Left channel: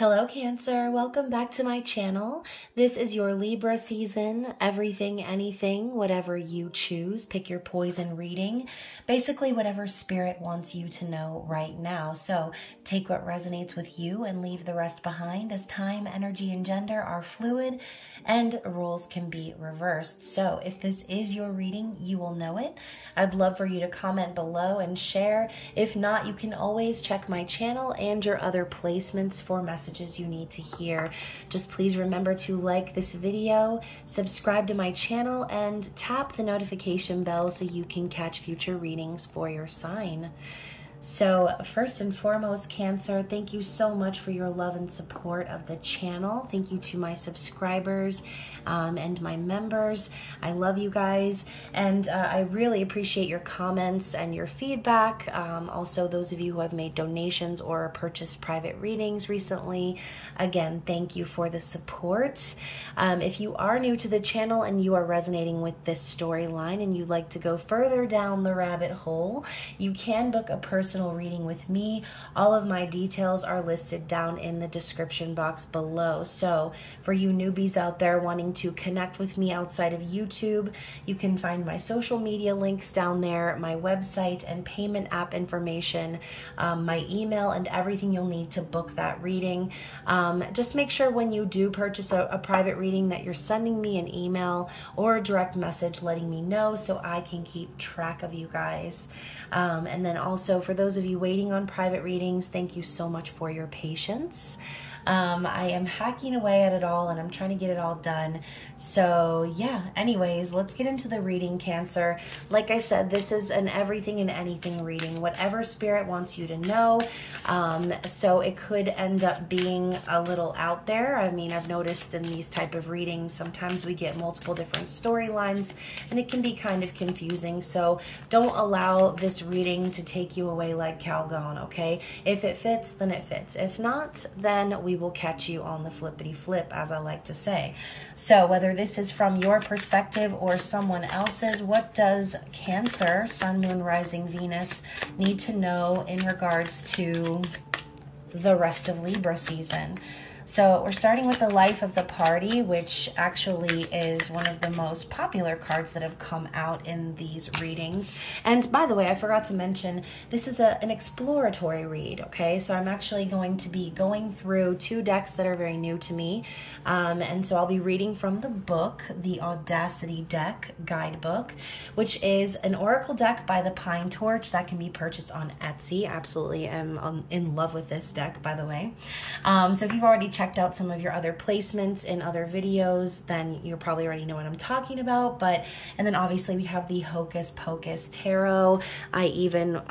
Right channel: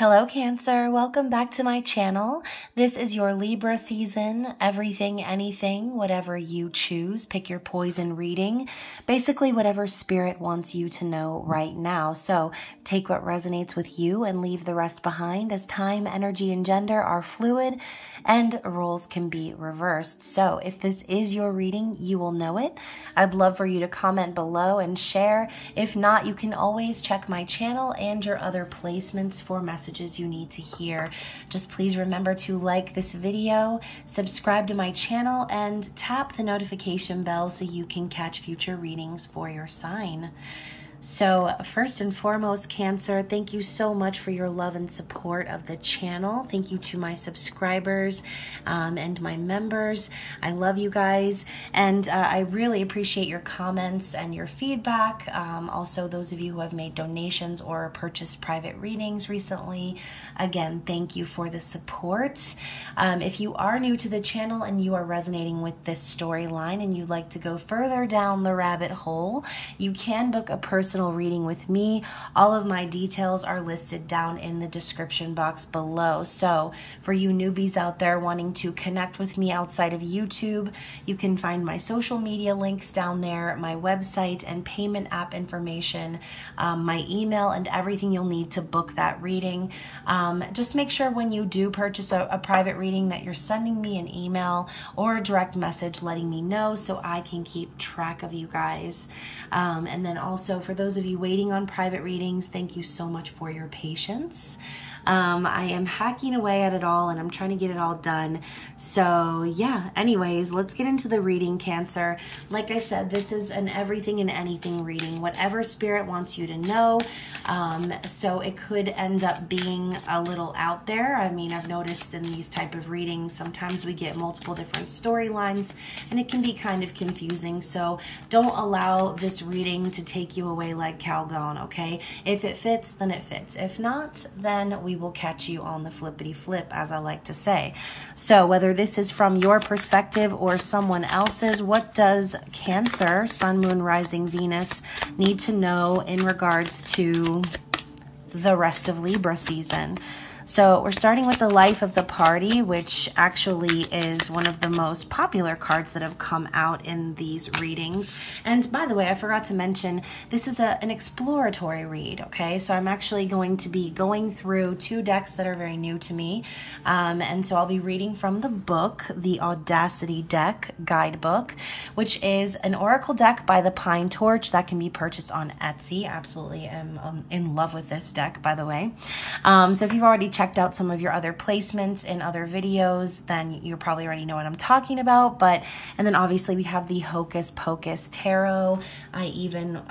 Hello Cancer, welcome back to my channel. This is your Libra season, everything, anything, whatever you choose. Pick your poison reading, basically whatever spirit wants you to know right now. So take what resonates with you and leave the rest behind, as time, energy, and gender are fluid and roles can be reversed. So if this is your reading, you will know it. I'd love for you to comment below and share. If not, you can always check my channel and your other placements for messages you need to hear. Just please remember to like this video, subscribe to my channel, and tap the notification bell so you can catch future readings for your sign. So first and foremost, Cancer, thank you so much for your love and support of the channel. Thank you to my subscribers and my members. I love you guys, and I really appreciate your comments and your feedback. Also, those of you who have made donations or purchased private readings recently, again, thank you for the support. If you are new to the channel and you are resonating with this storyline and you'd like to go further down the rabbit hole, you can book a personal reading with me. All of my details are listed down in the description box below. So for you newbies out there wanting to connect with me outside of YouTube, you can find my social media links down there, my website and payment app information, my email, and everything you'll need to book that reading. Just make sure when you do purchase a private reading that you're sending me an email or a direct message letting me know so I can keep track of you guys. And then also for those of you waiting on private readings, thank you so much for your patience. I am hacking away at it all and I'm trying to get it all done. So yeah, anyways, let's get into the reading, Cancer. Like I said, this is an everything and anything reading, whatever spirit wants you to know. So it could end up being a little out there. I mean, I've noticed in these type of readings, sometimes we get multiple different storylines and it can be kind of confusing. So don't allow this reading to take you away like Calgon, okay? If it fits, then it fits. If not, then we will catch you on the flippity flip, as I like to say. So whether this is from your perspective or someone else's, what does Cancer, Sun, Moon, Rising, Venus need to know in regards to the rest of Libra season? So we're starting with the Life of the Party, which actually is one of the most popular cards that have come out in these readings. And by the way, I forgot to mention, this is an exploratory read, okay? So I'm actually going to be going through two decks that are very new to me. And so I'll be reading from the book, the Audacity deck guidebook, which is an oracle deck by the Pine Torch that can be purchased on Etsy. Absolutely am in love with this deck, by the way. So if you've already checked out some of your other placements in other videos, then you probably already know what I'm talking about. And then obviously we have the Hocus Pocus Tarot. I even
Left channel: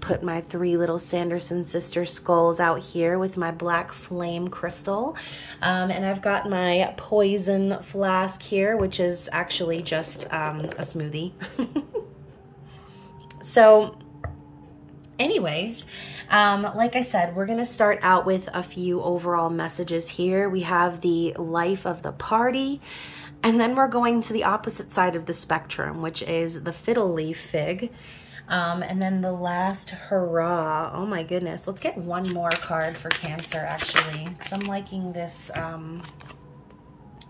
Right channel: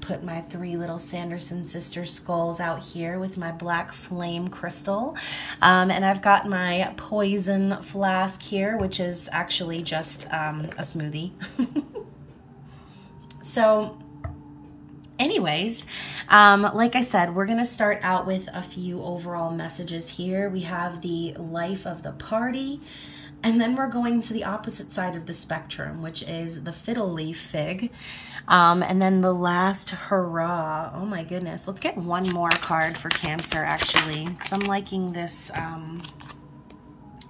put my three little Sanderson sister skulls out here with my black flame crystal. And I've got my poison flask here, which is actually just a smoothie. So anyways, like I said, we're going to start out with a few overall messages here. We have the Life of the Party, and then we're going to the opposite side of the spectrum, which is the Fiddle Leaf Fig. And then the last Hurrah. Oh my goodness. Let's get one more card for Cancer, actually, because I'm liking this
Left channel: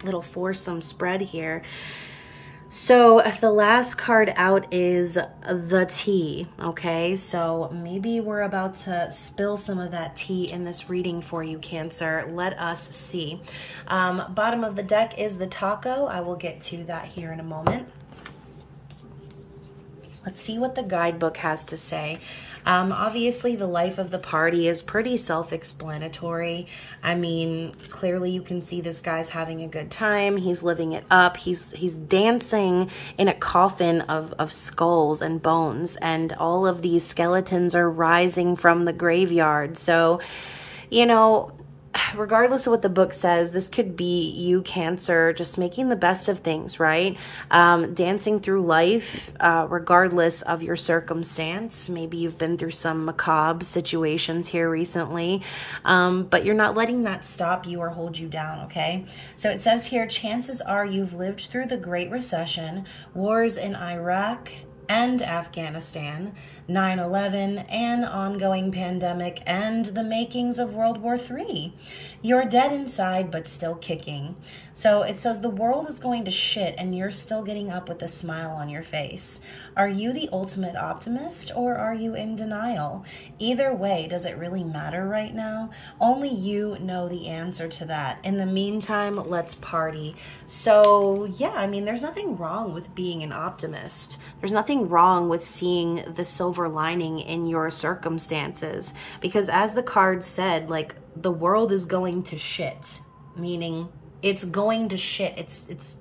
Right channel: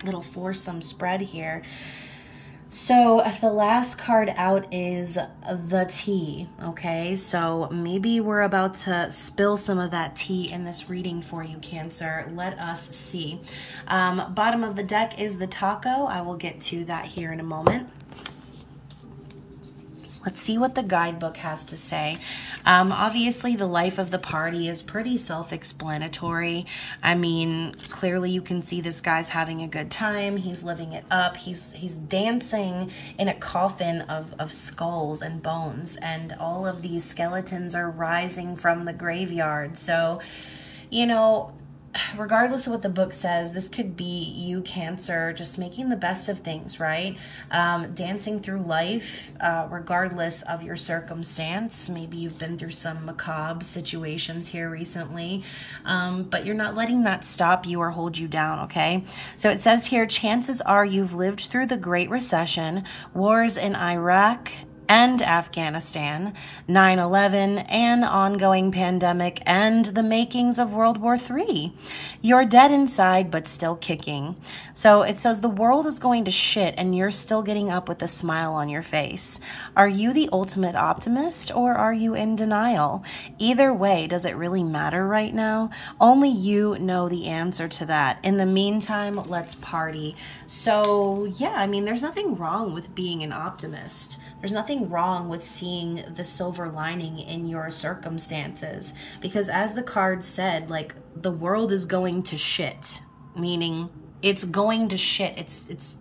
little foursome spread here. So the last card out is the tea, okay? So maybe we're about to spill some of that tea in this reading for you, Cancer. Let us see. Bottom of the deck is the taco. I will get to that here in a moment. Let's see what the guidebook has to say. Obviously, the Life of the Party is pretty self-explanatory. I mean, clearly you can see this guy's having a good time. He's living it up. He's dancing in a coffin of skulls and bones, and all of these skeletons are rising from the graveyard. So, you know, regardless of what the book says, this could be you, Cancer, just making the best of things, right? Dancing through life, regardless of your circumstance. Maybe you've been through some macabre situations here recently, but you're not letting that stop you or hold you down, okay? So it says here, chances are you've lived through the Great Recession, wars in Iraq and Afghanistan, 9/11, an ongoing pandemic, and the makings of World War III. You're dead inside, but still kicking. So it says the world is going to shit and you're still getting up with a smile on your face. Are you the ultimate optimist or are you in denial? Either way, does it really matter right now? Only you know the answer to that. In the meantime, let's party. So yeah, I mean, there's nothing wrong with being an optimist. There's nothing wrong with seeing the silver lining in your circumstances, because as the card said, like, the world is going to shit, meaning it's going to shit. It's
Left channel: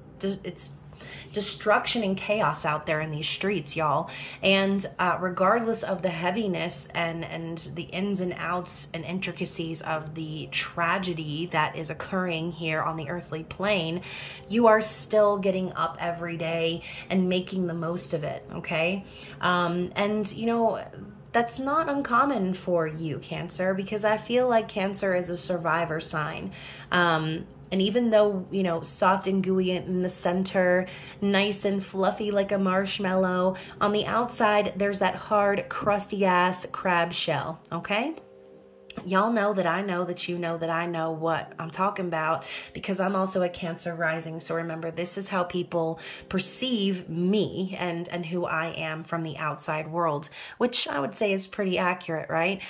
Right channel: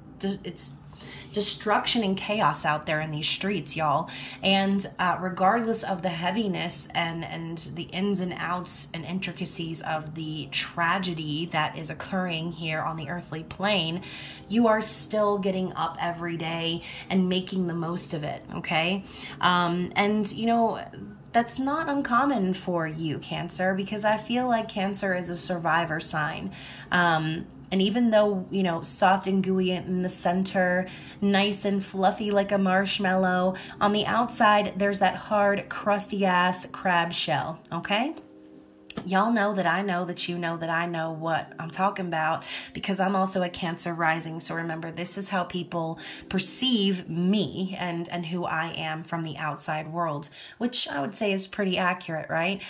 destruction and chaos out there in these streets, y'all. And regardless of the heaviness and the ins and outs and intricacies of the tragedy that is occurring here on the earthly plane, you are still getting up every day and making the most of it, okay? And, you know, that's not uncommon for you, Cancer, because I feel like Cancer is a survivor sign. And even though, you know, soft and gooey in the center, nice and fluffy like a marshmallow, on the outside, there's that hard, crusty ass crab shell, okay? Y'all know that I know that you know that I know what I'm talking about, because I'm also a Cancer rising. So remember, this is how people perceive me and who I am from the outside world, which I would say is pretty accurate, right?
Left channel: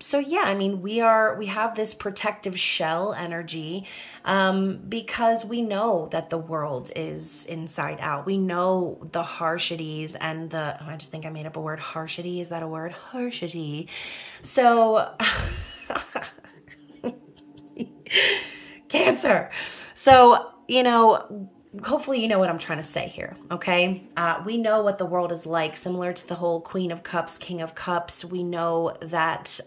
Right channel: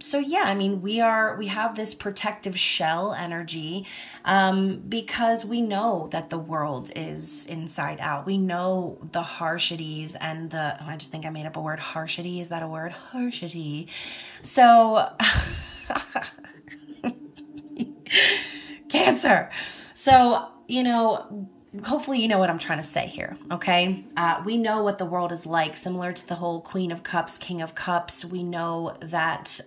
So yeah, I mean, we have this protective shell energy, because we know that the world is inside out. We know the harshities and I just think I made up a word, harshity. Is that a word? Harshity. So, Cancer. So, you know, hopefully you know what I'm trying to say here, okay? We know what the world is like, similar to the whole Queen of Cups, King of Cups. We know that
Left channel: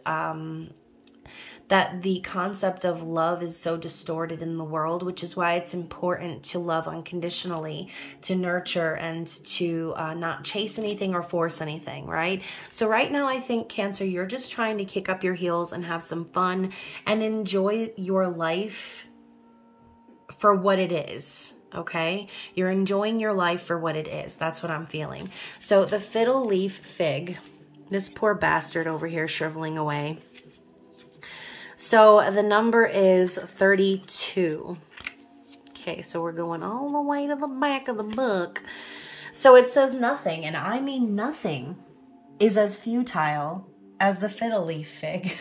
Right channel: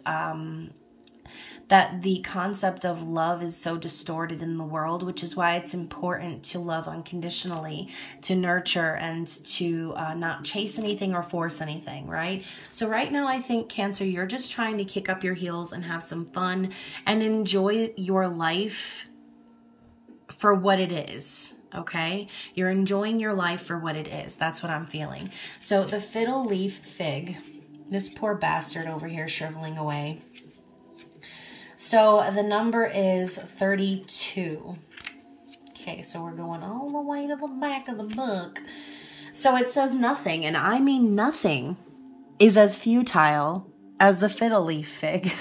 that the concept of love is so distorted in the world, which is why it's important to love unconditionally, to nurture, and to not chase anything or force anything, right? So right now, I think, Cancer, you're just trying to kick up your heels and have some fun and enjoy your life for what it is. Okay, you're enjoying your life for what it is. That's what I'm feeling. So the Fiddle Leaf Fig, this poor bastard over here shriveling away. So the number is 32. Okay, so we're going all the way to the back of the book. So it says nothing, and I mean nothing, is as futile as the Fiddle Leaf Fig.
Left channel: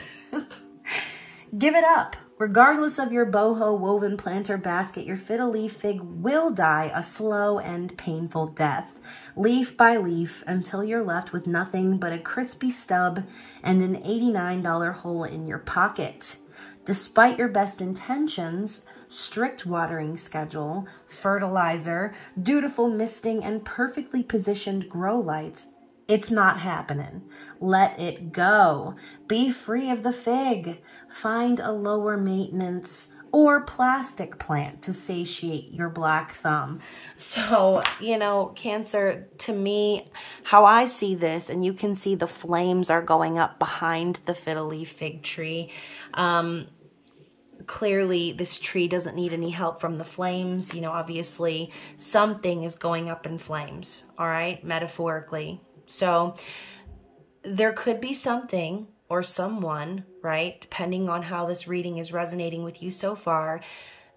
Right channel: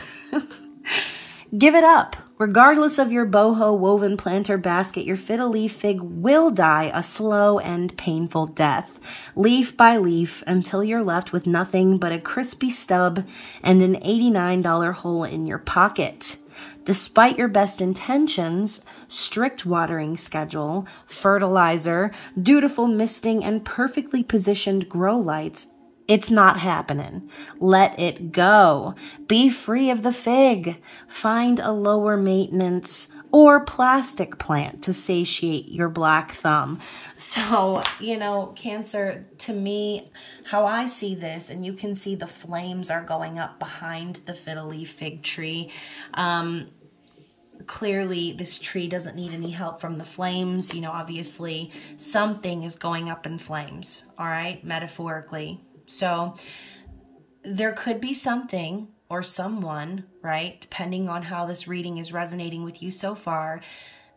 Give it up. Regardless of your boho woven planter basket, your Fiddle Leaf Fig will die a slow and painful death, leaf by leaf, until you're left with nothing but a crispy stub and an $89 hole in your pocket. Despite your best intentions, strict watering schedule, fertilizer, dutiful misting, and perfectly positioned grow lights, it's not happening. Let it go. Be free of the fig. Find a lower maintenance or plastic plant to satiate your black thumb. So, you know, Cancer, to me, how I see this, and you can see the flames are going up behind the Fiddle Leaf Fig tree. Clearly, this tree doesn't need any help from the flames. You know, obviously, something is going up in flames, all right, metaphorically. So there could be something or someone, right, depending on how this reading is resonating with you so far,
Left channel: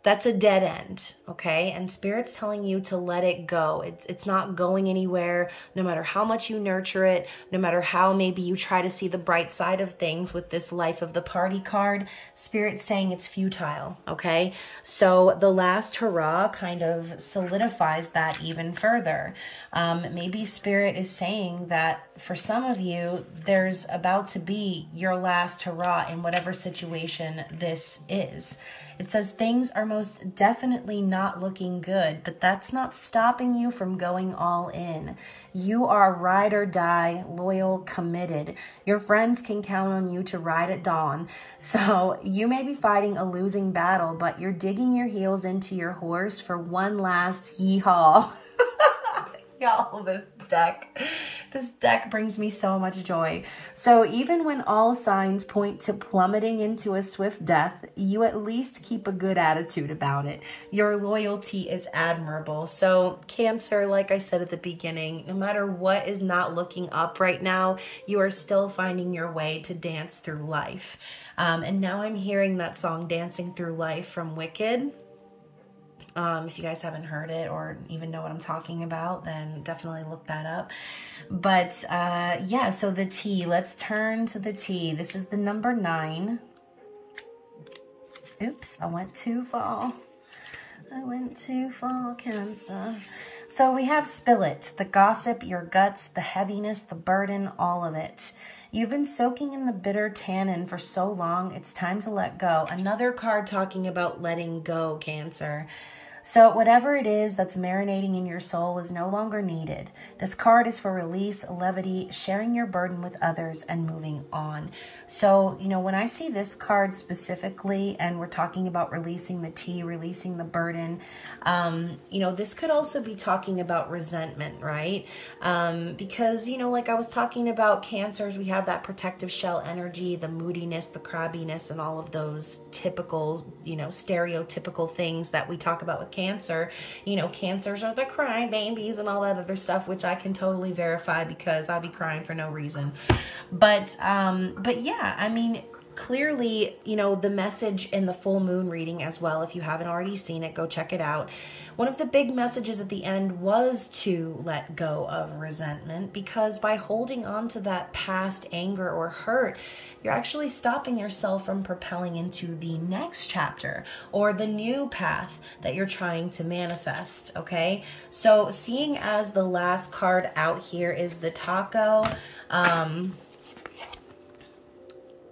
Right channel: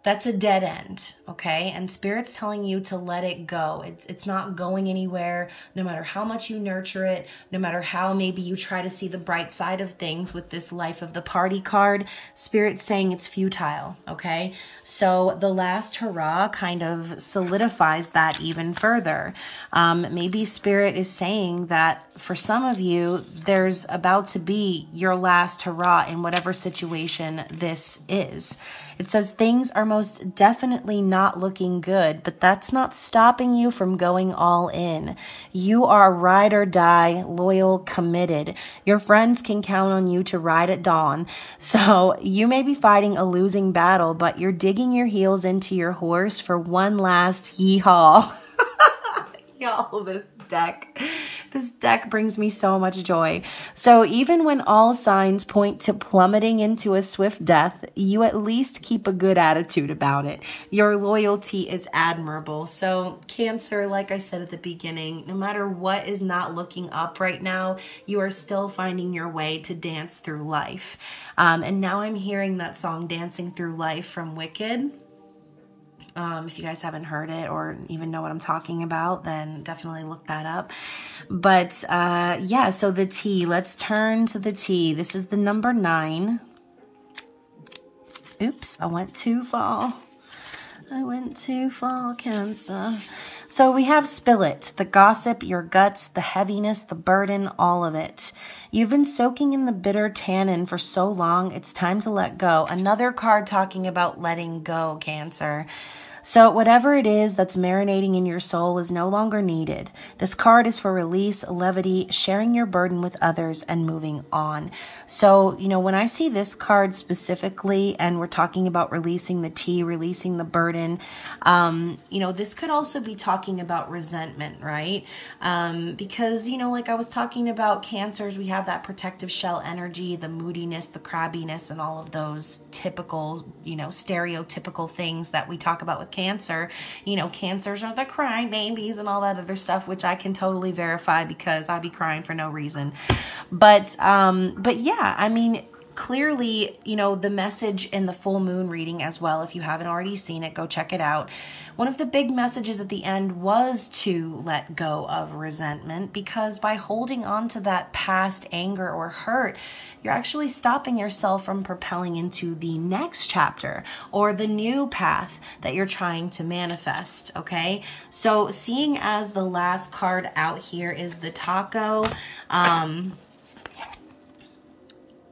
that's a dead end, okay? And Spirit's telling you to let it go. It's not going anywhere, no matter how much you nurture it, no matter how maybe you try to see the bright side of things with this Life of the Party card. Spirit's saying it's futile, okay? So the last hurrah kind of solidifies that even further. Maybe Spirit is saying that for some of you, there's about to be your last hurrah in whatever situation this is. It says things are most definitely not looking good, but that's not stopping you from going all in. You are ride or die, loyal, committed. Your friends can count on you to ride at dawn. So you may be fighting a losing battle, but you're digging your heels into your horse for one last yee-haw. Y'all, this This deck brings me so much joy. So even when all signs point to plummeting into a swift death, you at least keep a good attitude about it. Your loyalty is admirable. So Cancer, like I said at the beginning, no matter what is not looking up right now, you are still finding your way to dance through life. And now I'm hearing that song Dancing Through Life from Wicked. If you guys haven't heard it or even know what I'm talking about, then definitely look that up. But yeah, so the T, let's turn to the T. This is the number 9. Oops, I went too far. I went too far, Cancer. So we have spill it, the gossip, your guts, the heaviness, the burden, all of it. You've been soaking in the bitter tannin for so long, it's time to let go. Another card talking about letting go, Cancer. So whatever it is that's marinating in your soul is no longer needed. This card is for release, levity, sharing your burden with others, and moving on. So, you know, when I see this card specifically, and we're talking about releasing the T, releasing the burden, you know, this could also be talking about resentment, right? Because, you know, like I was talking about Cancers, we have that protective shell energy, the moodiness, the crabbiness, and all of those typical, you know, stereotypical things that we talk about with Cancer. You know, Cancers are the crying babies and all that other stuff, which I can totally verify because I be crying for no reason. But yeah, I mean, clearly, you know, the message in the full moon reading as well, if you haven't already seen it, go check it out. One of the big messages at the end was to let go of resentment, because by holding on to that past anger or hurt, you're actually stopping yourself from propelling into the next chapter or the new path that you're trying to manifest, okay? So seeing as the last card out here is the taco,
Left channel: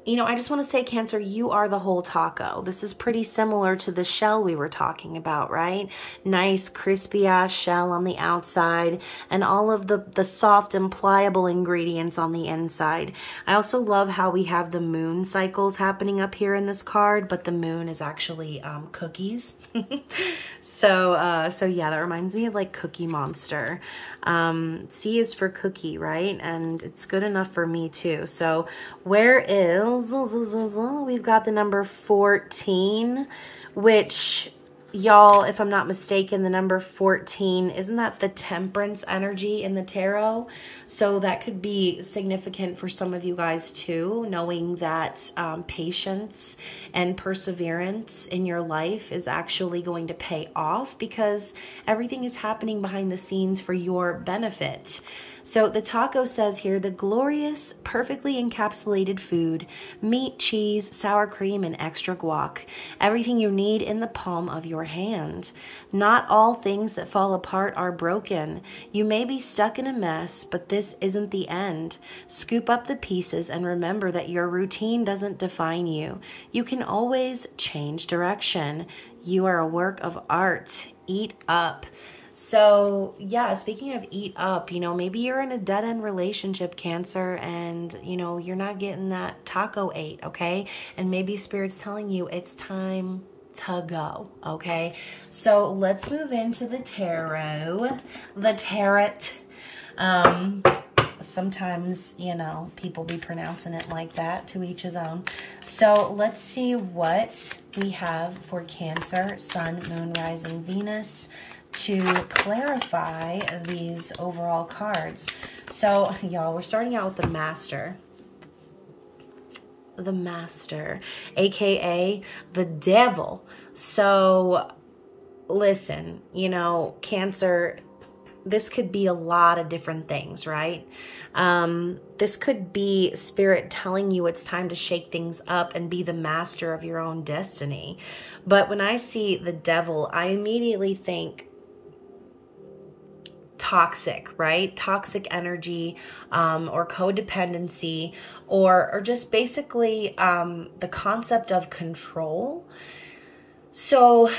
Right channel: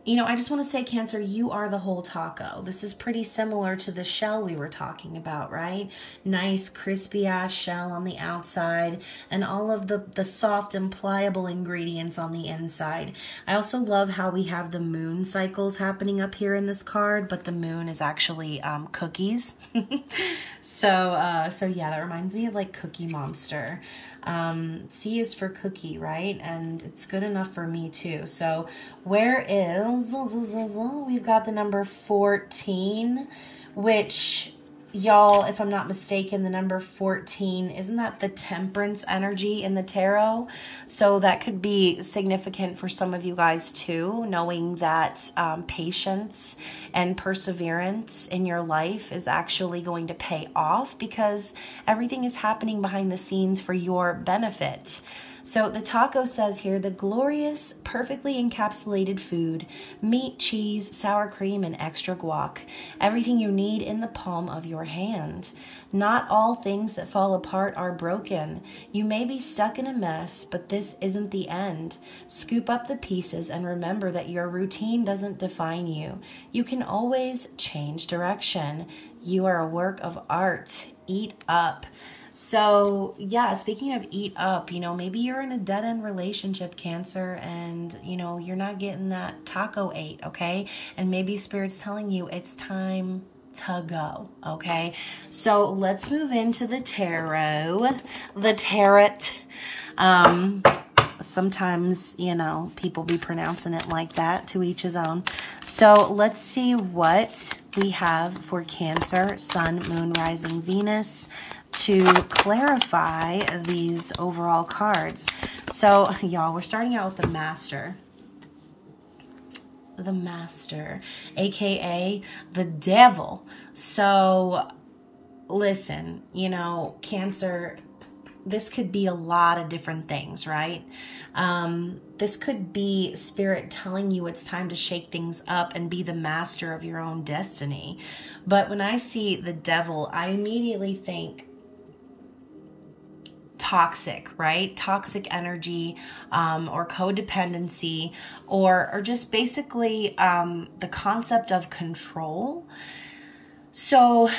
you know, I just want to say, Cancer, you are the whole taco. This is pretty similar to the shell we were talking about, right? Nice, crispy-ass shell on the outside and all of the soft and pliable ingredients on the inside. I also love how we have the moon cycles happening up here in this card, but the moon is actually cookies. So yeah, that reminds me of like Cookie Monster. C is for cookie, right? And it's good enough for me too. So where is, we've got the number 14, which, y'all, if I'm not mistaken, the number 14, isn't that the temperance energy in the tarot? So that could be significant for some of you guys too, knowing that patience and perseverance in your life is actually going to pay off because everything is happening behind the scenes for your benefit. So the taco says here, the glorious, perfectly encapsulated food, meat, cheese, sour cream, and extra guac. Everything you need in the palm of your hand. Not all things that fall apart are broken. You may be stuck in a mess, but this isn't the end. Scoop up the pieces and remember that your routine doesn't define you. You can always change direction. You are a work of art. Eat up. So yeah, speaking of eat up, you know, maybe you're in a dead-end relationship, Cancer, and, you know, you're not getting that taco ate, okay? And maybe Spirit's telling you it's time to go, okay? So let's move into the tarot. The tarot. Sometimes, you know, people be pronouncing it like that, to each his own. So let's see what we have for Cancer, Sun, Moon, Rising, Venus, to clarify these overall cards. So y'all, we're starting out with the Master. The Master, aka the Devil. So listen, you know, Cancer, this could be a lot of different things, right? This could be Spirit telling you it's time to shake things up and be the master of your own destiny. But when I see the Devil, I immediately think toxic, right? Toxic energy, or codependency, or just basically the concept of control. So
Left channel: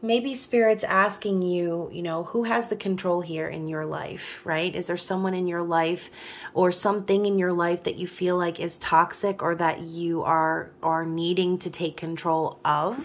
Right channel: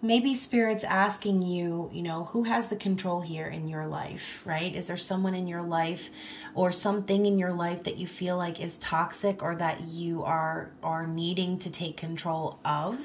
maybe Spirit's asking you, you know, who has the control here in your life, right? Is there someone in your life or something in your life that you feel like is toxic or that you are needing to take control of?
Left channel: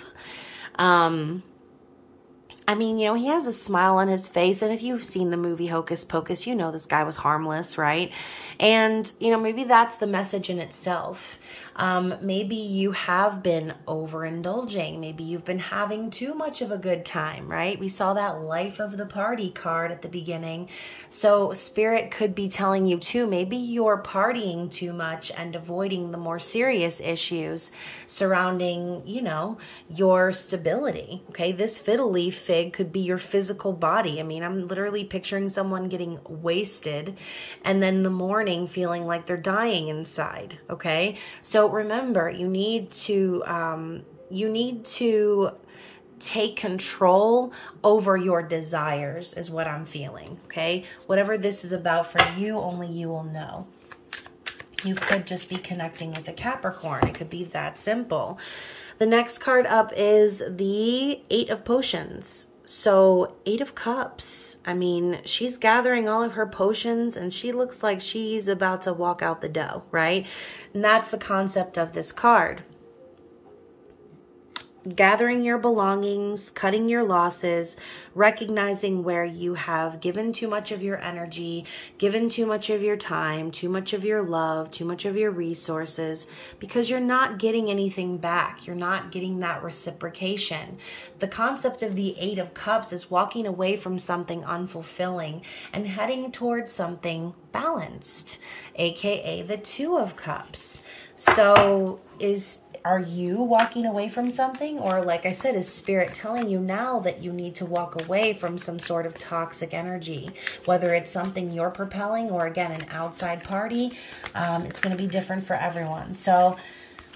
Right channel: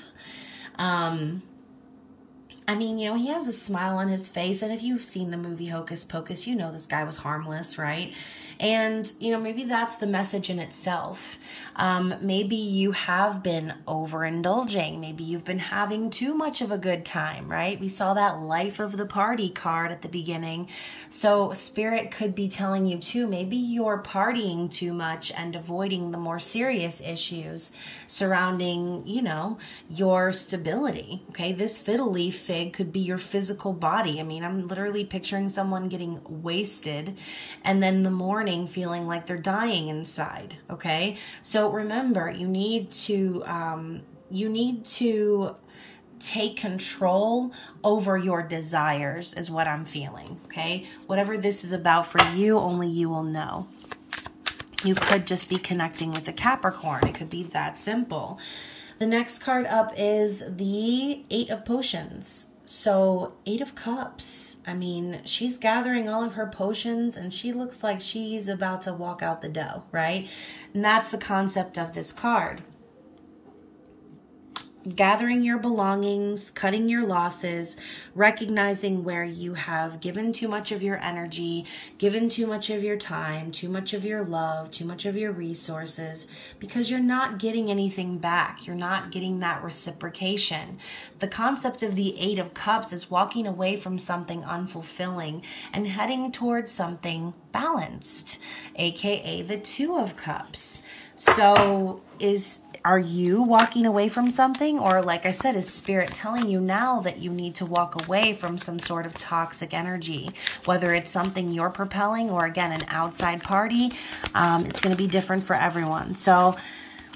I mean, you know, he has a smile on his face. And if you've seen the movie Hocus Pocus, you know this guy was harmless, right? And, you know, maybe that's the message in itself. Maybe you have been overindulging. Maybe you've been having too much of a good time, right? We saw that life of the party card at the beginning. So Spirit could be telling you too, maybe you're partying too much and avoiding the more serious issues surrounding, you know, your stability. Okay, this Fiddle Leaf Fig could be your physical body. I mean, I'm literally picturing someone getting wasted and then the morning feeling like they're dying inside. Okay, so remember, you need to take control over your desires is what I'm feeling. Okay, whatever this is about for you, only you will know. You could just be connecting with the Capricorn. It could be that simple. The next card up is the Eight of Potions. So 8 of Cups. I mean, she's gathering all of her potions and she looks like she's about to walk out the door, right? And that's the concept of this card. Gathering your belongings, cutting your losses, recognizing where you have given too much of your energy, given too much of your time, too much of your love, too much of your resources, because you're not getting anything back. You're not getting that reciprocation. The concept of the Eight of Cups is walking away from something unfulfilling and heading towards something balanced, aka the Two of Cups. So are you walking away from something? Or like I said, is Spirit telling you now that you need to walk away from some sort of toxic energy? Whether it's something you're propelling or, again, an outside party, it's going to be different for everyone. So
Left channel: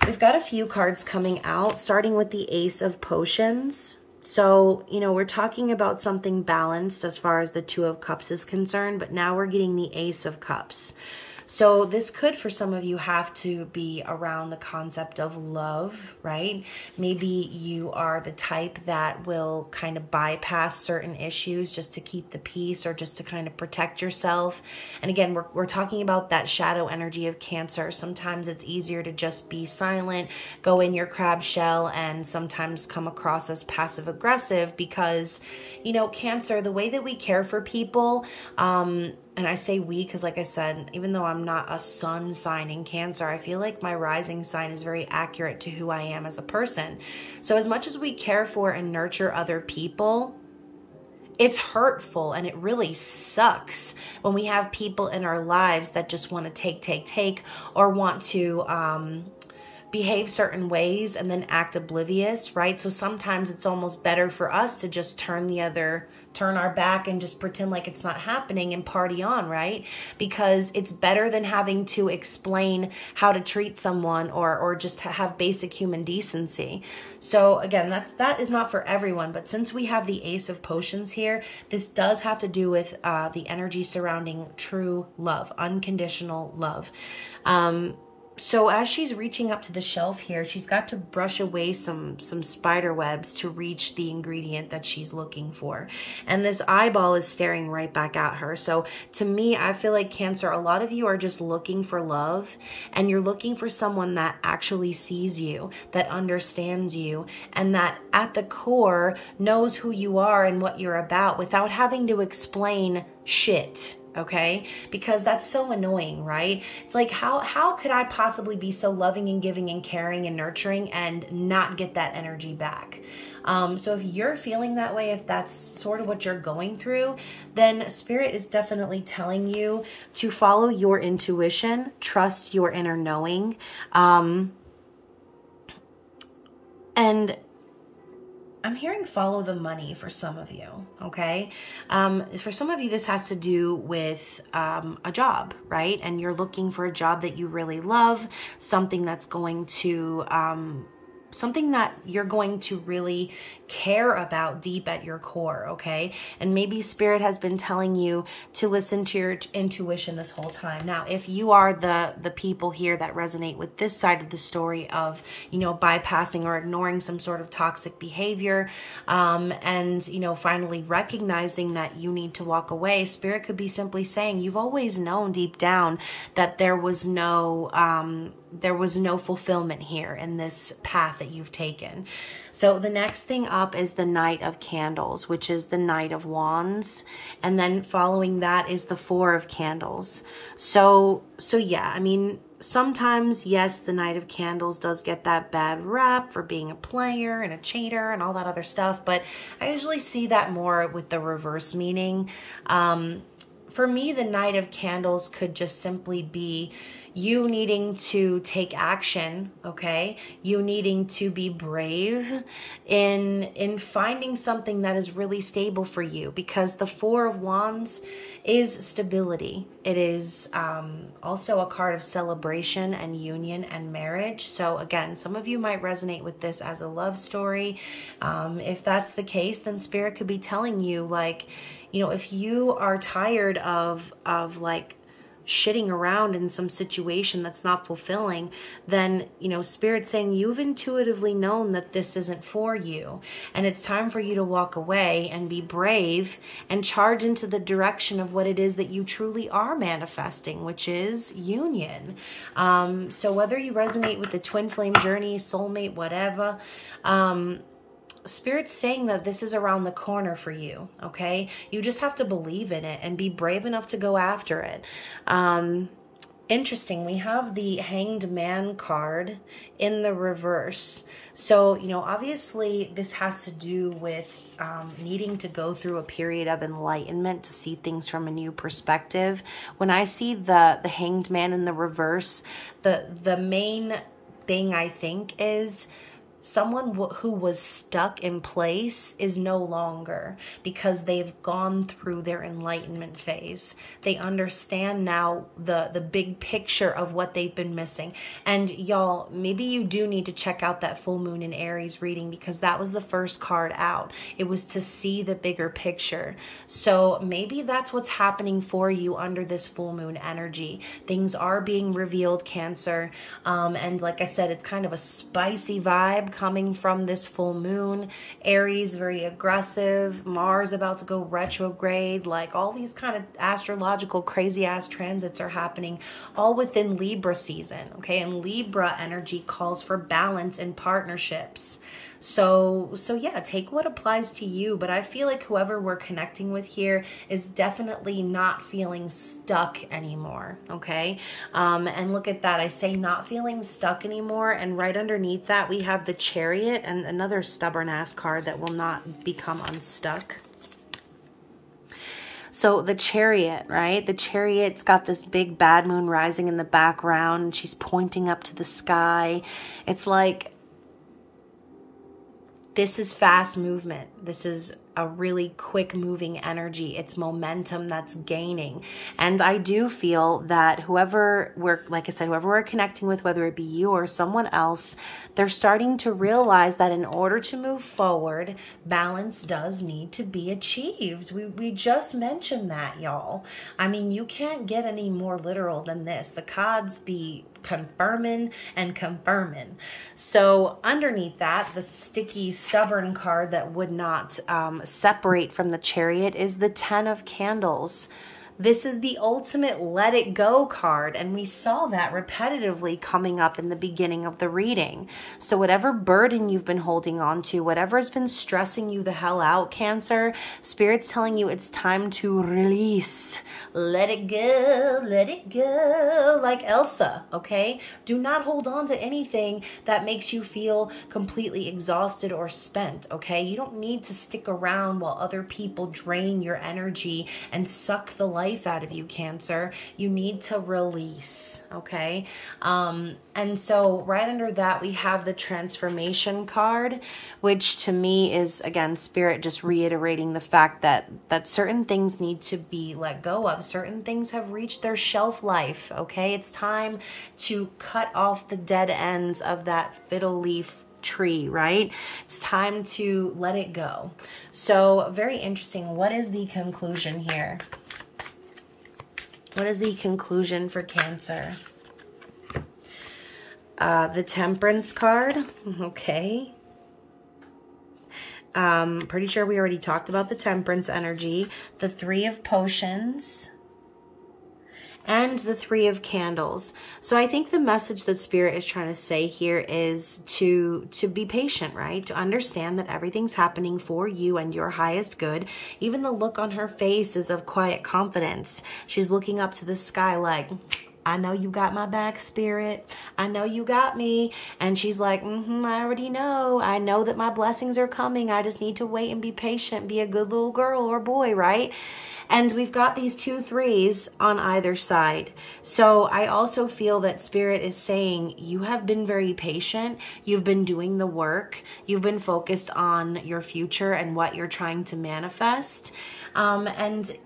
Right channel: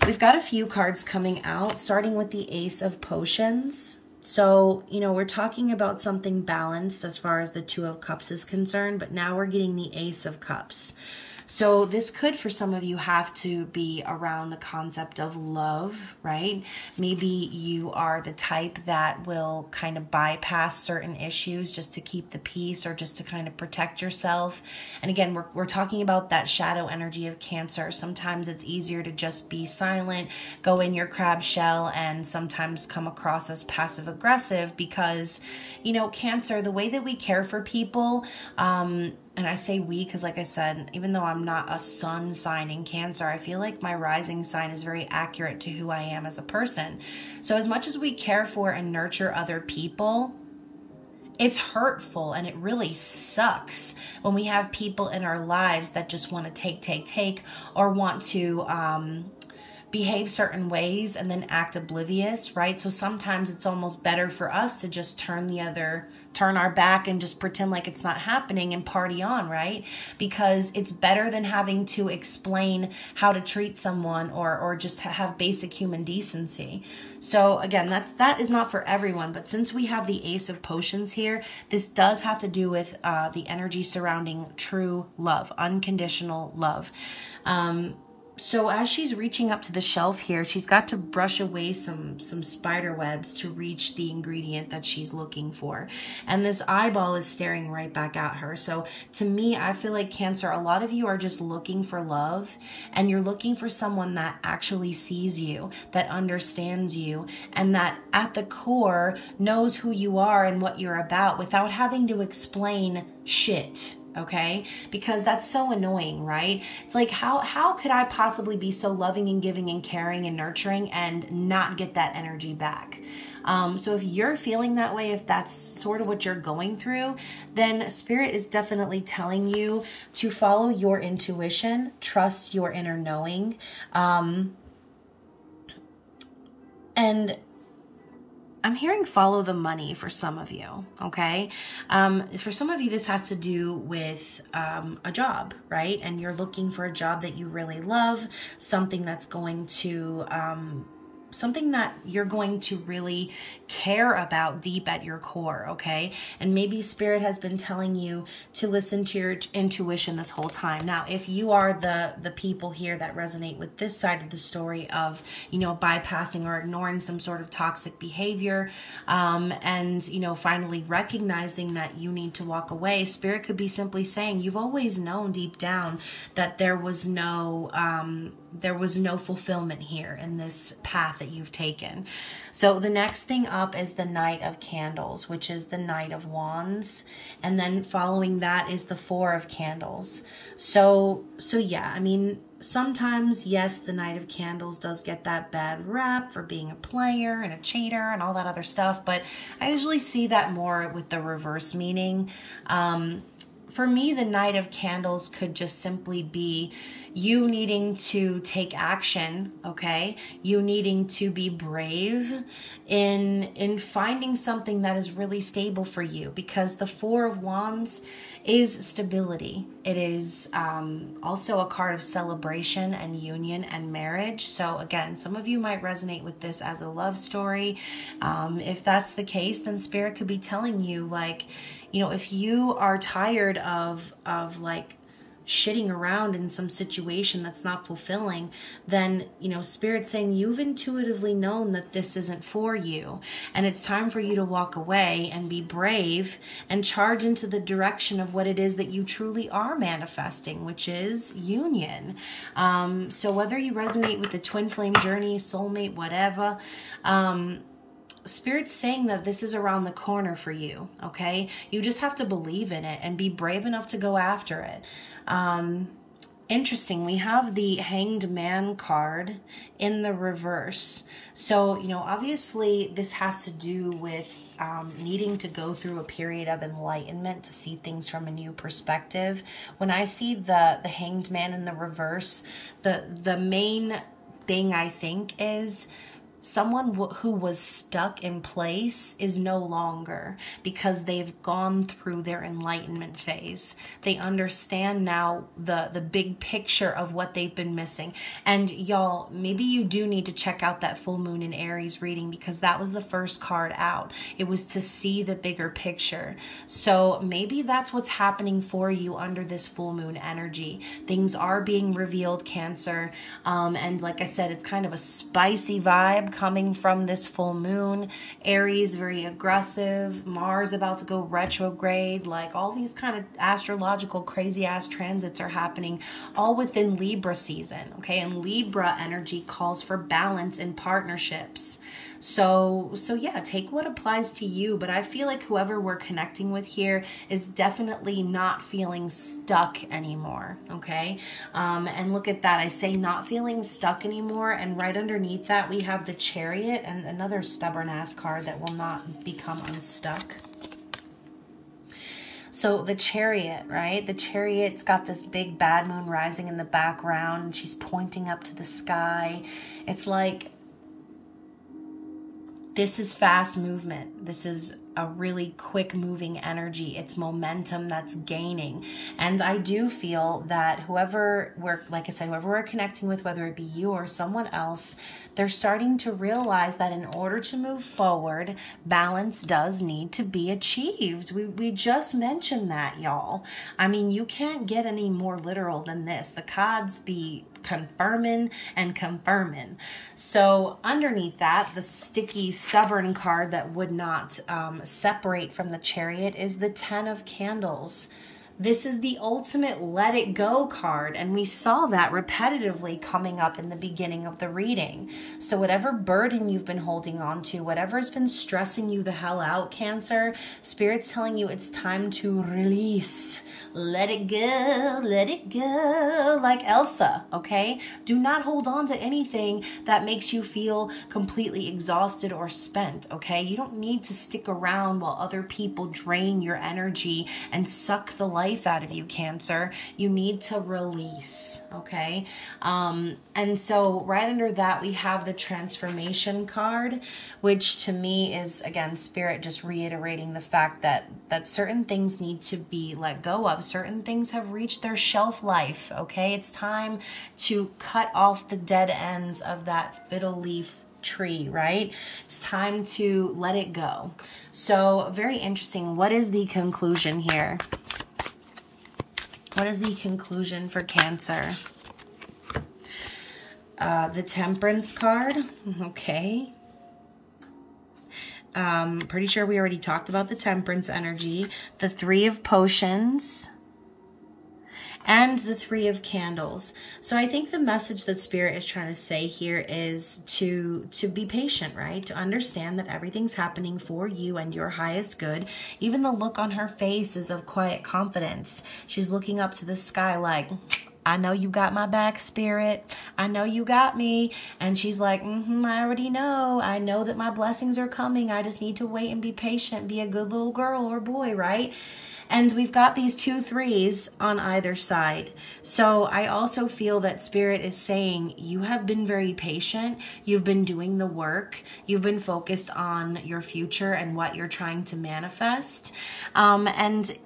we've got a few cards coming out, starting with the Ace of Potions. So, you know, we're talking about something balanced as far as the Two of Cups is concerned, but now we're getting the Ace of Cups. So this could, for some of you, have to be around the concept of love, right? Maybe you are the type that will kind of bypass certain issues just to keep the peace or just to kind of protect yourself. And again, we're talking about that shadow energy of Cancer. Sometimes it's easier to just be silent, go in your crab shell, and sometimes come across as passive aggressive because, you know, Cancer, the way that we care for people, and I say we because, like I said, even though I'm not a sun sign in Cancer, I feel like my rising sign is very accurate to who I am as a person. So as much as we care for and nurture other people, it's hurtful and it really sucks when we have people in our lives that just want to take, or want to behave certain ways and then act oblivious, right? So sometimes it's almost better for us to just turn our back and just pretend like it's not happening and party on, right? Because it's better than having to explain how to treat someone or just have basic human decency. So again, that is not for everyone, but since we have the Ace of Potions here, this does have to do with the energy surrounding true love, unconditional love. So as she's reaching up to the shelf here, she's got to brush away some spider webs to reach the ingredient that she's looking for. And this eyeball is staring right back at her. So to me, I feel like Cancer, a lot of you are just looking for love, and you're looking for someone that actually sees you, that understands you, and that at the core knows who you are and what you're about without having to explain shit. Okay, because that's so annoying, right? It's like, how could I possibly be so loving and giving and caring and nurturing and not get that energy back? So if you're feeling that way, if that's sort of what you're going through, then Spirit is definitely telling you to follow your intuition, trust your inner knowing, and I'm hearing follow the money for some of you, okay? For some of you, this has to do with a job, right? And you're looking for a job that you really love, something that's going to something that you're going to really care about deep at your core, okay? And maybe Spirit has been telling you to listen to your intuition this whole time. Now, if you are the people here that resonate with this side of the story of, you know, bypassing or ignoring some sort of toxic behavior, and, you know, finally recognizing that you need to walk away, Spirit could be simply saying, you've always known deep down that there was no, there was no fulfillment here in this path that you've taken. So the next thing up is the Knight of Candles, which is the Knight of Wands. And then following that is the Four of Candles. So yeah, I mean, sometimes, yes, the Knight of Candles does get that bad rap for being a player and a cheater and all that other stuff, but I usually see that more with the reverse meaning. For me, the Knight of Candles could just simply be you needing to take action, okay? You needing to be brave in finding something that is really stable for you, because the Four of Wands is stability. It is also a card of celebration and union and marriage. So again, some of you might resonate with this as a love story. If that's the case, then Spirit could be telling you, like, you know, if you are tired of like shitting around in some situation that's not fulfilling, then, you know, Spirit's saying you've intuitively known that this isn't for you. And it's time for you to walk away and be brave and charge into the direction of what it is that you truly are manifesting, which is union. So whether you resonate with the twin flame journey, soulmate, whatever, Spirit's saying that this is around the corner for you, okay? You just have to believe in it and be brave enough to go after it. Interesting, we have the Hanged Man card in the reverse. So, you know, obviously this has to do with needing to go through a period of enlightenment to see things from a new perspective. When I see the Hanged Man in the reverse, the main thing I think is someone who was stuck in place is no longer, because they've gone through their enlightenment phase. They understand now the big picture of what they've been missing. And y'all, maybe you do need to check out that full moon in Aries reading, because that was the first card out. It was to see the bigger picture. So maybe that's what's happening for you under this full moon energy. Things are being revealed, Cancer. And like I said, it's kind of a spicy vibe coming from this full moon. Aries, very aggressive. Mars about to go retrograde. Like all these kind of astrological crazy ass transits are happening all within Libra season, okay? And Libra energy calls for balance in partnerships. So yeah, take what applies to you, but I feel like whoever we're connecting with here is definitely not feeling stuck anymore, okay? And look at that, I say not feeling stuck anymore, and right underneath that we have the Chariot, and another stubborn ass card that will not become unstuck. So the Chariot, right? The Chariot's got this big bad moon rising in the background, and she's pointing up to the sky. It's like, this is fast movement. This is a really quick moving energy. It's momentum that's gaining. And I do feel that whoever we're, like I said, whoever we're connecting with, whether it be you or someone else, they're starting to realize that in order to move forward, balance does need to be achieved. We just mentioned that, y'all. I mean, you can't get any more literal than this. The cards be confirming and confirming. So underneath that, the sticky, stubborn card that would not separate from the Chariot is the Ten of Candles. This is the ultimate let it go card, and we saw that repetitively coming up in the beginning of the reading. So whatever burden you've been holding on to, whatever's been stressing you the hell out, Cancer, Spirit's telling you it's time to release. Let it go, like Elsa, okay? Do not hold on to anything that makes you feel completely exhausted or spent, okay? You don't need to stick around while other people drain your energy and suck the life out of you, Cancer. You need to release, okay? And so right under that, we have the Transformation card, which to me is, again, Spirit just reiterating the fact that certain things need to be let go of. Certain things have reached their shelf life, okay? It's time to cut off the dead ends of that fiddle leaf tree, right? It's time to let it go. So very interesting. What is the conclusion here? What is the conclusion for Cancer? The Temperance card, okay. Pretty sure we already talked about the Temperance energy. The Three of Potions. and the Three of Candles. So I think the message that Spirit is trying to say here is to be patient, right? To understand that everything's happening for you and your highest good. Even the look on her face is of quiet confidence. She's looking up to the sky like, I know you got my back, Spirit. I know you got me. And she's like, I already know. I know that my blessings are coming. I just need to wait and be patient, be a good little girl or boy, right? And we've got these 2 3s on either side. So I also feel that Spirit is saying you have been very patient. You've been doing the work. You've been focused on your future and what you're trying to manifest. And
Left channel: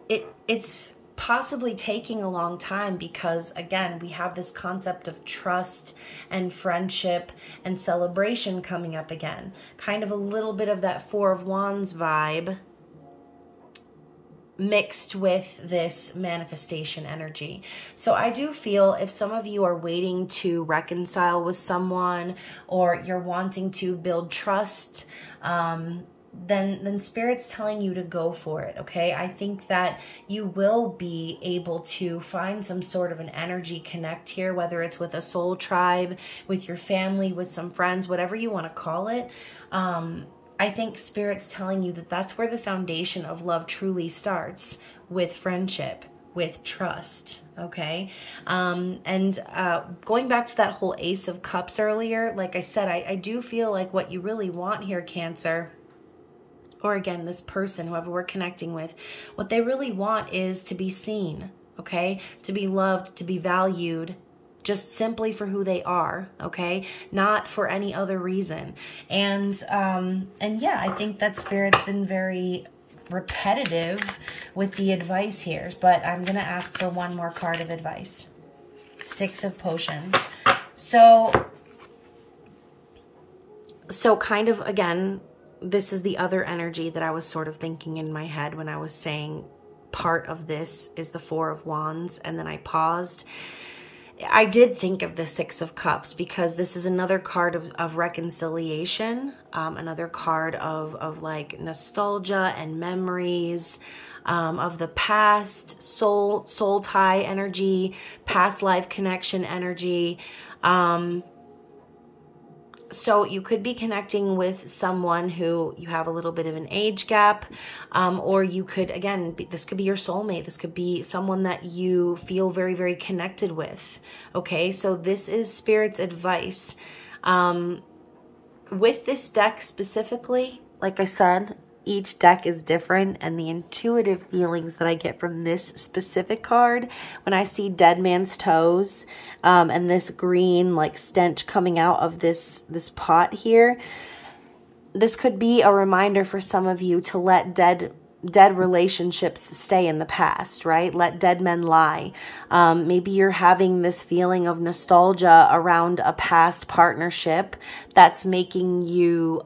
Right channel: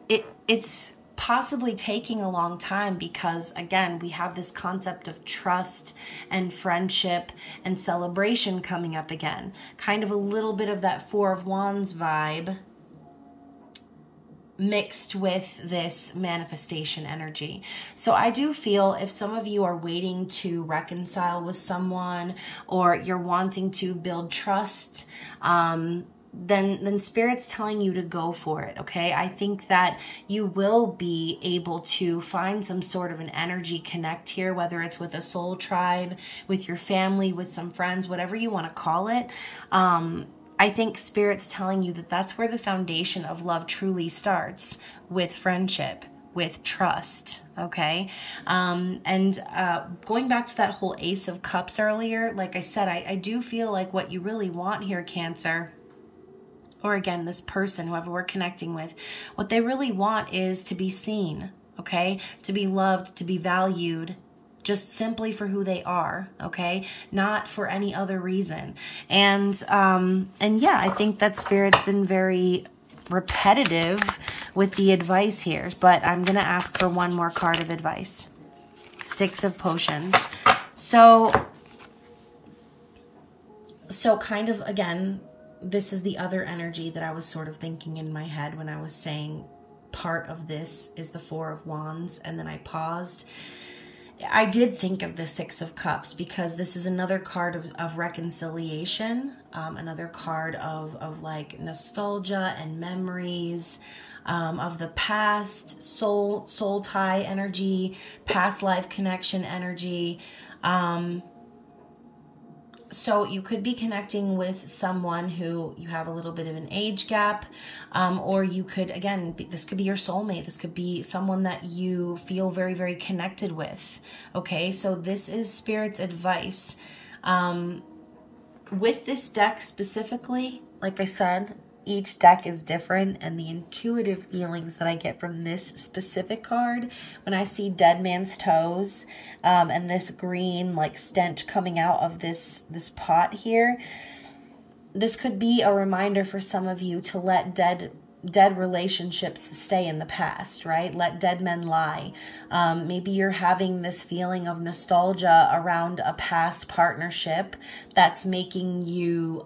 it's possibly taking a long time because, again, we have this concept of trust and friendship and celebration coming up again. Kind of a little bit of that Four of Wands vibe mixed with this manifestation energy. So I do feel if some of you are waiting to reconcile with someone or you're wanting to build trust, then Spirit's telling you to go for it, okay? I think that you will be able to find some sort of an energy connect here, whether it's with a soul tribe, with your family, with some friends, whatever you want to call it. I think Spirit's telling you that that's where the foundation of love truly starts, with friendship, with trust, okay? Going back to that whole Ace of Cups earlier, like I said, I do feel like what you really want here, Cancer, or again, this person, whoever we're connecting with, what they really want is to be seen, okay? To be loved, to be valued, just simply for who they are, okay? Not for any other reason. And yeah, I think that Spirit's been very repetitive with the advice here, but I'm gonna ask for one more card of advice. Six of Potions. So kind of, again, this is the other energy that I was sort of thinking in my head when I was saying part of this is the Four of Wands, and then I paused. I did think of the Six of Cups because this is another card of reconciliation, another card of like nostalgia and memories of the past, soul tie energy, past life connection energy. So you could be connecting with someone who you have a little bit of an age gap, or you could, again, this could be your soulmate. This could be someone that you feel very, very connected with. Okay, so this is Spirit's advice. With this deck specifically, like I said, each deck is different, and the intuitive feelings that I get from this specific card, when I see Dead Man's Toes and this green like stench coming out of this pot here, this could be a reminder for some of you to let dead relationships stay in the past, right? Let dead men lie. Maybe you're having this feeling of nostalgia around a past partnership that's making you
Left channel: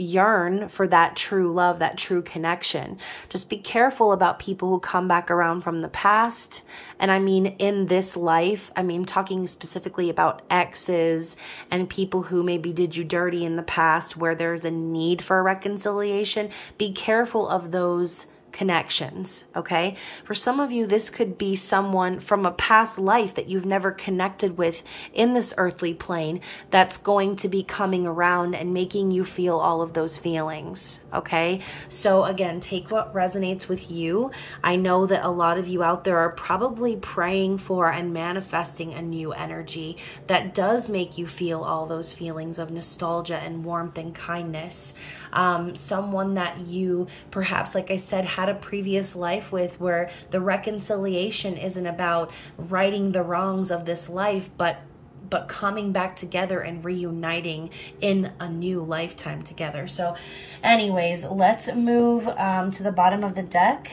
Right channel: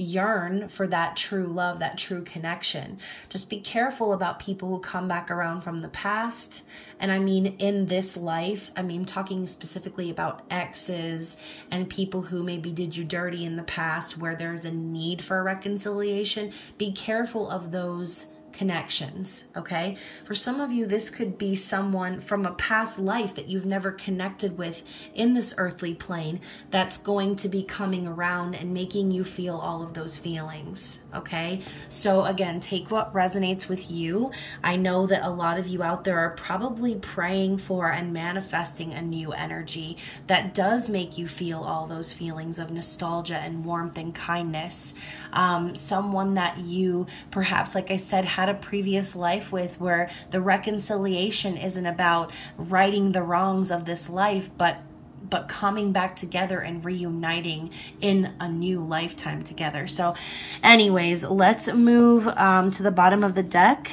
yearn for that true love, that true connection. Just be careful about people who come back around from the past. And I mean, in this life, I mean, talking specifically about exes and people who maybe did you dirty in the past where there's a need for reconciliation. Be careful of those connections, okay? For some of you, this could be someone from a past life that you've never connected with in this earthly plane that's going to be coming around and making you feel all of those feelings, okay? So again, take what resonates with you. I know that a lot of you out there are probably praying for and manifesting a new energy that does make you feel all those feelings of nostalgia and warmth and kindness. Someone that you perhaps, like I said, had a previous life with, where the reconciliation isn't about righting the wrongs of this life, but coming back together and reuniting in a new lifetime together. So anyways, let's move to the bottom of the deck.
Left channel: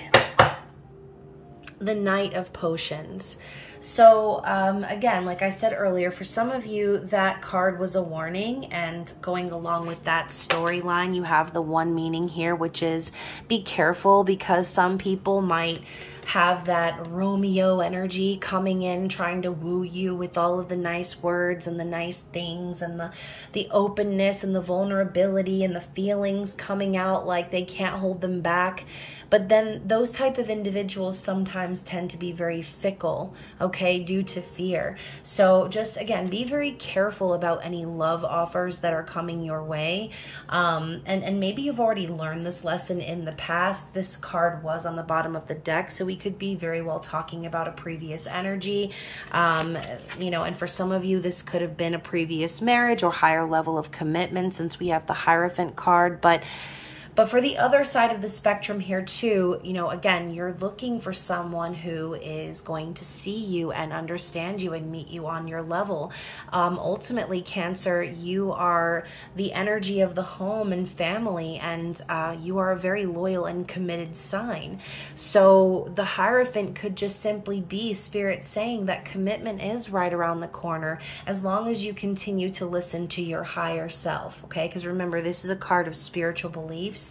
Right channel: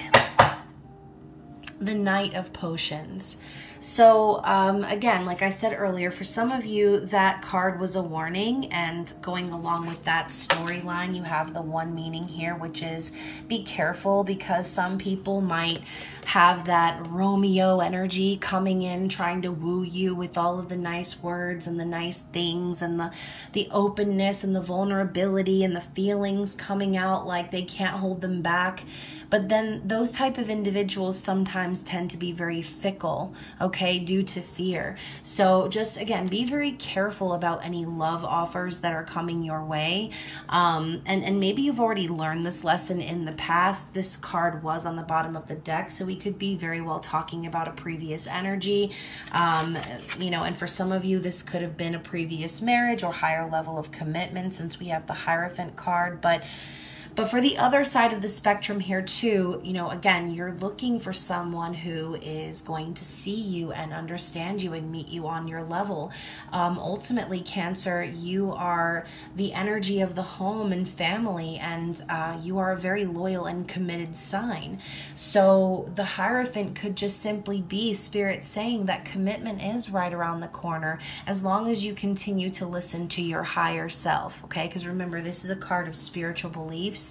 The Knight of Potions. So again, like I said earlier, for some of you, that card was a warning, and going along with that storyline, you have the one meaning here, which is be careful, because some people might have that Romeo energy coming in, trying to woo you with all of the nice words and the nice things and the openness and the vulnerability and the feelings coming out like they can't hold them back. But then those type of individuals sometimes tend to be very fickle, okay, due to fear. So just, again, be very careful about any love offers that are coming your way. And maybe you've already learned this lesson in the past. This card was on the bottom of the deck, so we could be very well talking about a previous energy. You know, and for some of you, this could have been a previous marriage or higher level of commitment, since we have the Hierophant card. But for the other side of the spectrum here too, you know, again, you're looking for someone who is going to see you and understand you and meet you on your level. Ultimately, Cancer, you are the energy of the home and family, and you are a very loyal and committed sign. So the Hierophant could just simply be Spirit saying that commitment is right around the corner, as long as you continue to listen to your higher self, okay? Because remember, this is a card of spiritual beliefs.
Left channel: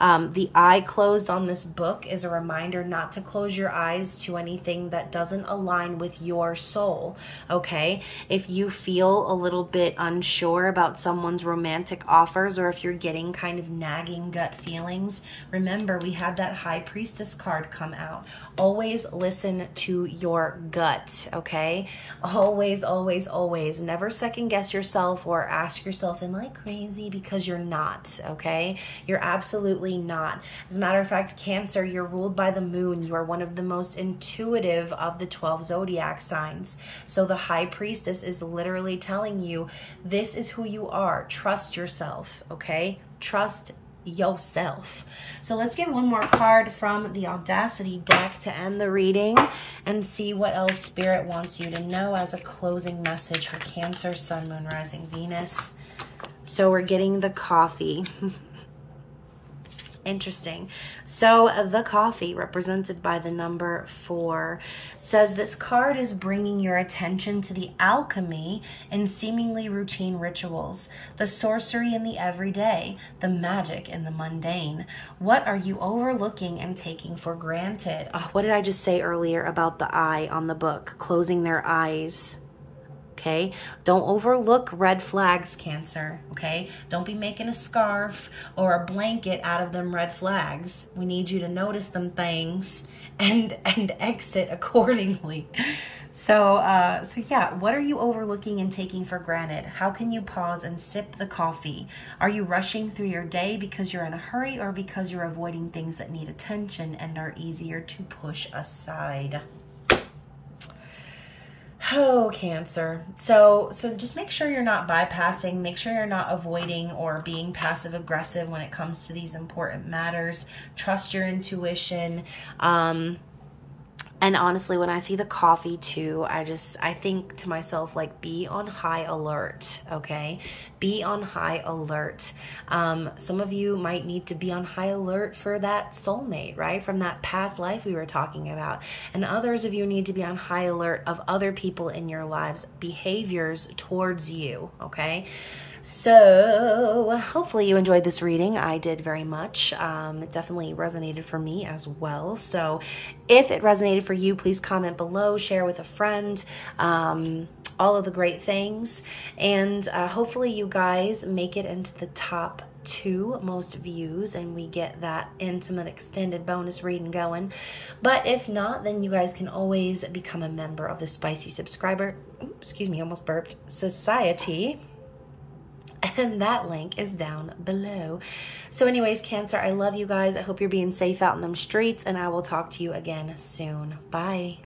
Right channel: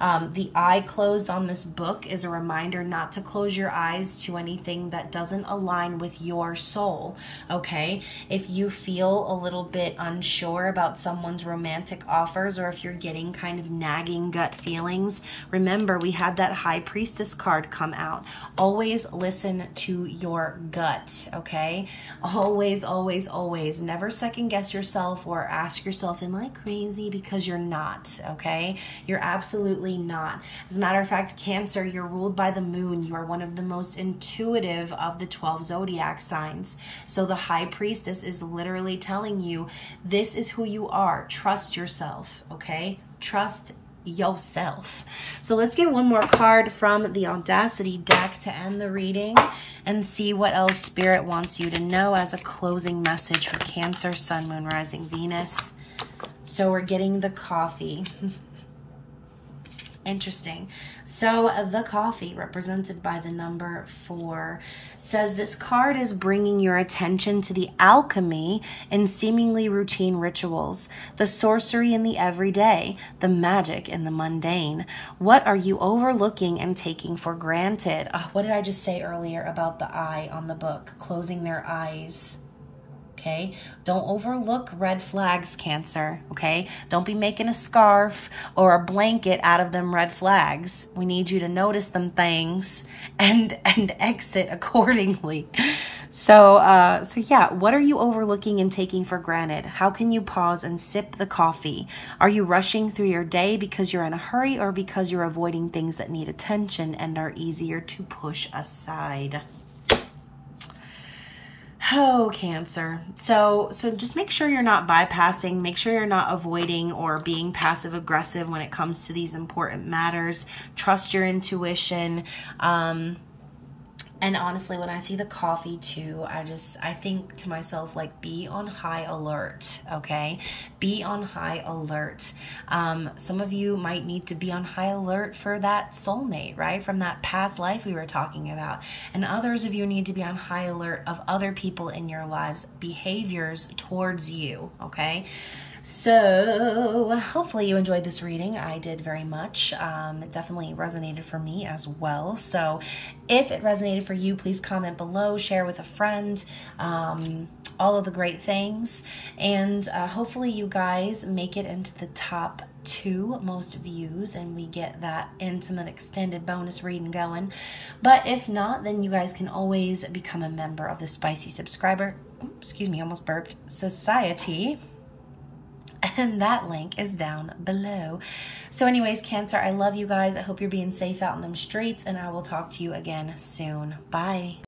The eye closed on this book is a reminder not to close your eyes to anything that doesn't align with your soul, okay? If you feel a little bit unsure about someone's romantic offers, or if you're getting kind of nagging gut feelings, remember, we had that High Priestess card come out. Always listen to your gut, okay? Always, always, always. Never second guess yourself or ask yourself, am I crazy? Because you're not, okay? You're absolutely not. As a matter of fact, Cancer, you're ruled by the moon. You are one of the most intuitive of the 12 zodiac signs. So the High Priestess is literally telling you, this is who you are. Trust yourself, okay? Trust yourself. So let's get one more card from the Audacity deck to end the reading and see what else Spirit wants you to know as a closing message for Cancer, Sun, Moon, Rising, Venus. So we're getting the Coffee. Interesting. So the Coffee, represented by the number 4, says this card is bringing your attention to the alchemy in seemingly routine rituals, the sorcery in the everyday, the magic in the mundane. What are you overlooking and taking for granted? What did I just say earlier about the eye on the book? Closing their eyes. Okay, don't overlook red flags, Cancer, okay? Don't be making a scarf or a blanket out of them red flags. We need you to notice them things and exit accordingly. So yeah, what are you overlooking and taking for granted? How can you pause and sip the coffee? Are you rushing through your day because you're in a hurry, or because you're avoiding things that need attention and are easier to push aside? Oh, Cancer. So just make sure you're not bypassing, make sure you're not avoiding or being passive aggressive when it comes to these important matters. Trust your intuition. And honestly, when I see the Coffee too, I think to myself, like, be on high alert, okay? Be on high alert. Some of you might need to be on high alert for that soulmate, right? From that past life we were talking about. And others of you need to be on high alert of other people in your lives' behaviors towards you, okay? So hopefully you enjoyed this reading. I did very much. It definitely resonated for me as well. So if it resonated for you, please comment below, share with a friend, all of the great things. And hopefully you guys make it into the top 2 most views and we get that intimate extended bonus reading going. But if not, then you guys can always become a member of the Spicy Subscriber, excuse me, almost burped, Society. And that link is down below. So anyways, Cancer, I love you guys. I hope you're being safe out in them streets, and I will talk to you again soon. Bye.